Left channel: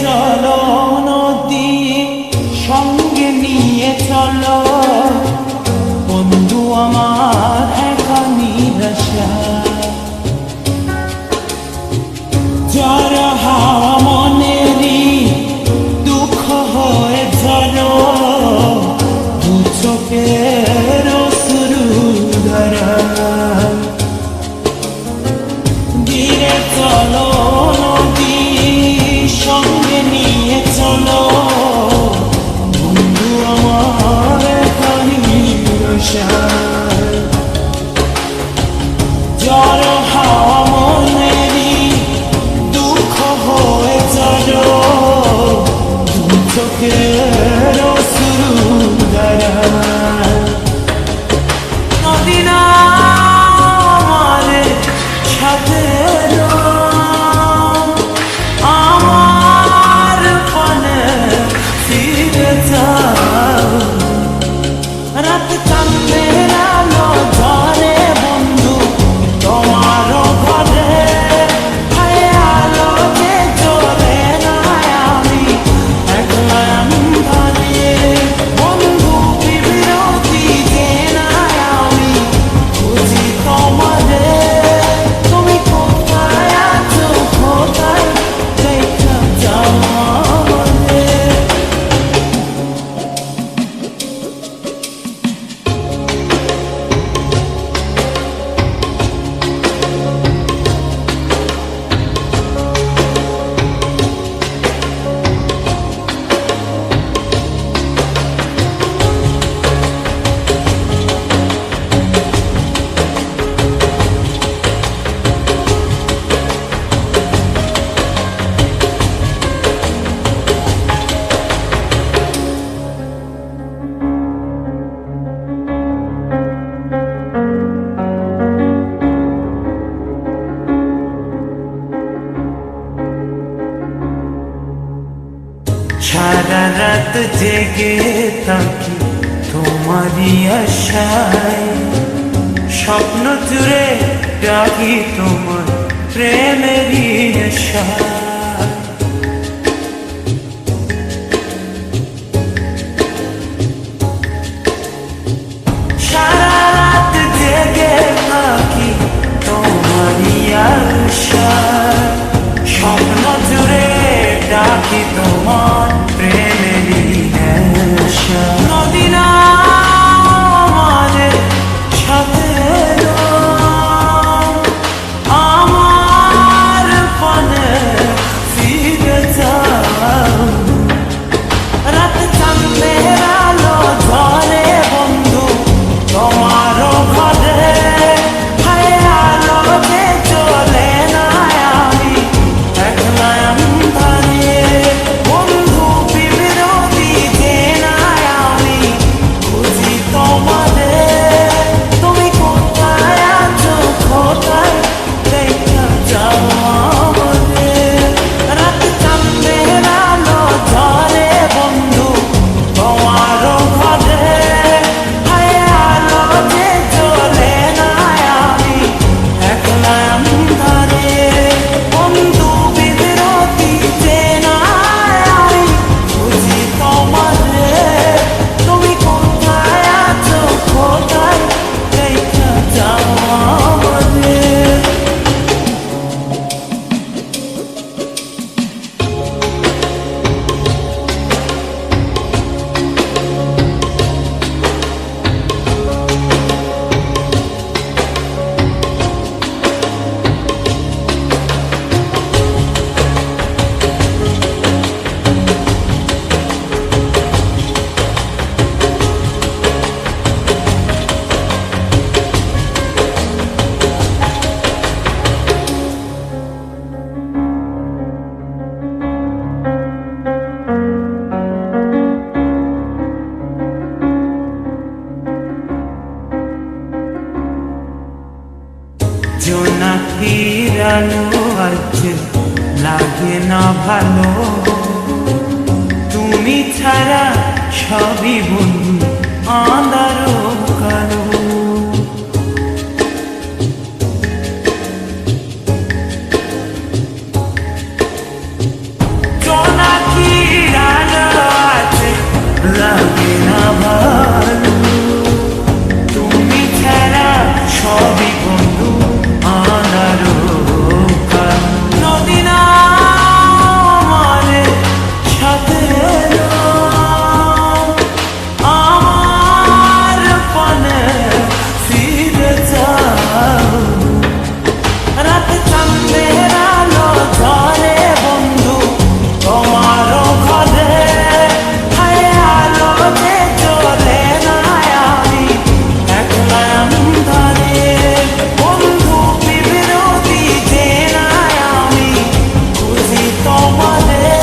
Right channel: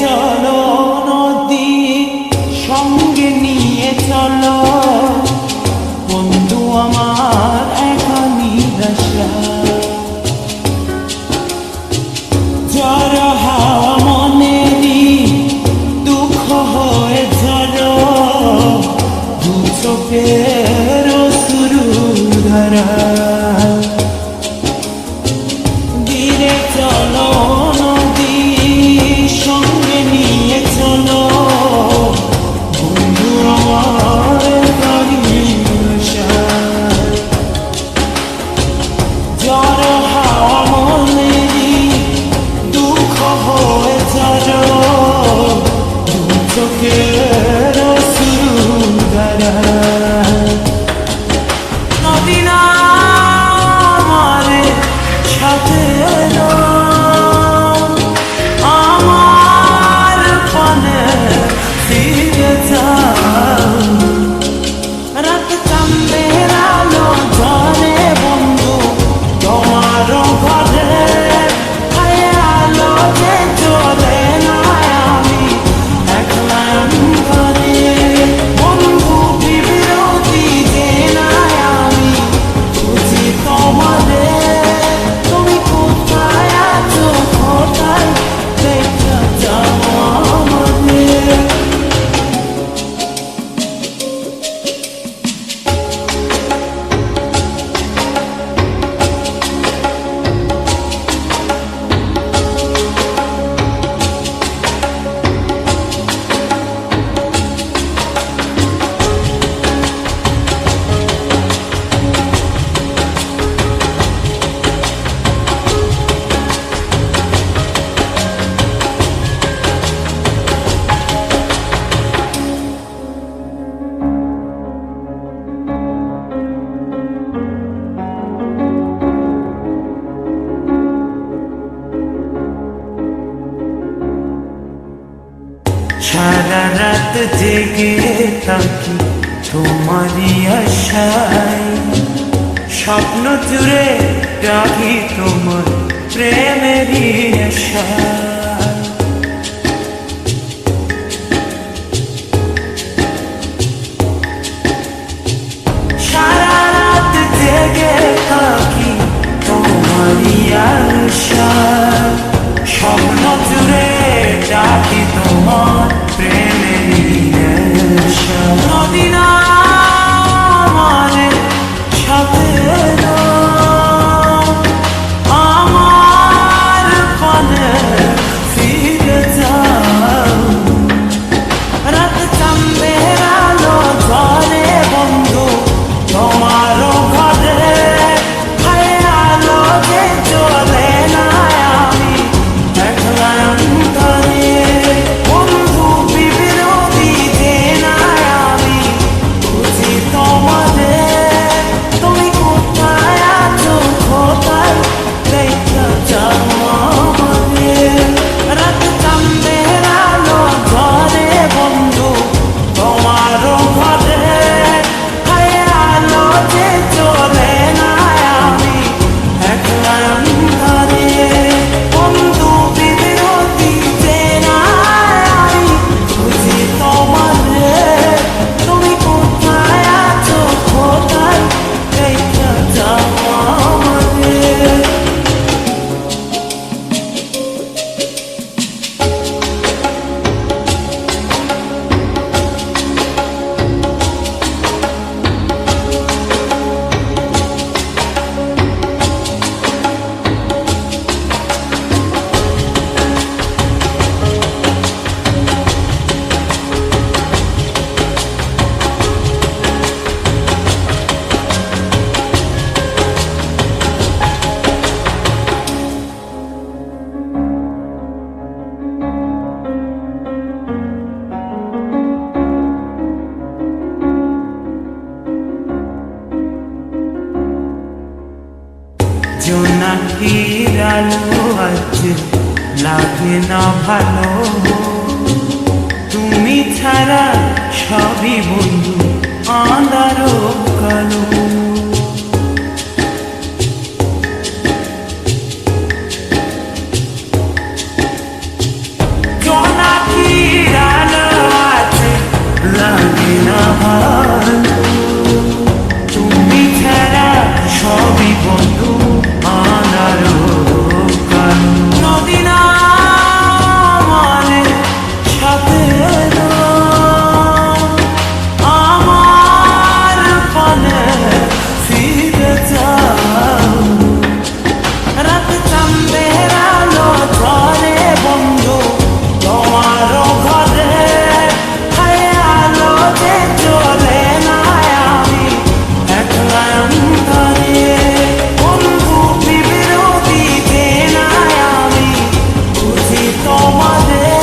চলো নদী সঙ্গে নিয়ে চলো বন্ধু আমার একা নিরাশা ঝড় হাওয়া মনেরই দুঃখ হয়ে ঝড় দু চোখের অশ্রু ধারা ধীরে চলো নদী সঙ্গে নিয়ে চলো বন্ধু আমার একা নিরাশা ঝড় হাওয়া মনেরই দুঃখ হয়ে ঝড় দু চোখের অশ্রু ধারা নদী না আমার সাথে এলো আমার পানে ফিরে যাও রাত চাঁদের আলো ঝরে বন্ধু তোমার ঘরে আলো যে জ্বলে না আমি একলা অন্ধকারে বন্ধু বিরতি যে না আমি খুঁজি তোমারে তুমি কোথায় আছো কোথায় দেখা যাও আমাদের সারা রাত জেগে থাকি তোমারই আশায় স্বপ্ন জুড়ে রাখি তোমার প্রেমেরই আশায় সারা রাত জেগে থাকি তোমারই আশায় স্বপ্ন জুড়ে ডাকি তোমার প্রেমেরই নেশা নদী না আমাদের সাথে এলো আমার পানে ফিরে যাও রাত চাঁদের আলো ঝরে বন্ধু তোমার ঘরে আলো যে জ্বলে না আমি একলা অন্ধকারে বন্ধু বিরতি যে না আমি খুঁজি তোমারে তুমি কোথায় আছো কোথায় দেখা যাও আমাদের রাত চাঁদের আলো ঝরে বন্ধু তোমার ঘরে আলো যে জ্বলে না আমি একলা অন্ধকারে বন্ধু বিরতি যে না আমি খুঁজি তোমারে তুমি কোথায় আছো কোথায় দেখা যাও আমাদের জোনাকির আলো আজ লাগে না ভালো তুমি ছাড়া সবই বন্ধু আঁধারো কালো জোনাকির আলো আছে লাগে না ভালো তুমি ছাড়া সবই বন্ধু আনারো কালো নদী না আমার সাথে এলো, আমার পানে ফিরে যাও রাত চাঁদের আলো ঝরে বন্ধু তোমারও ঘরে হায় আলো যে জ্বলে না আমি একলা অন্ধকারে বন্ধু বিরোধী যে না আমি খুঁজি তোমাদের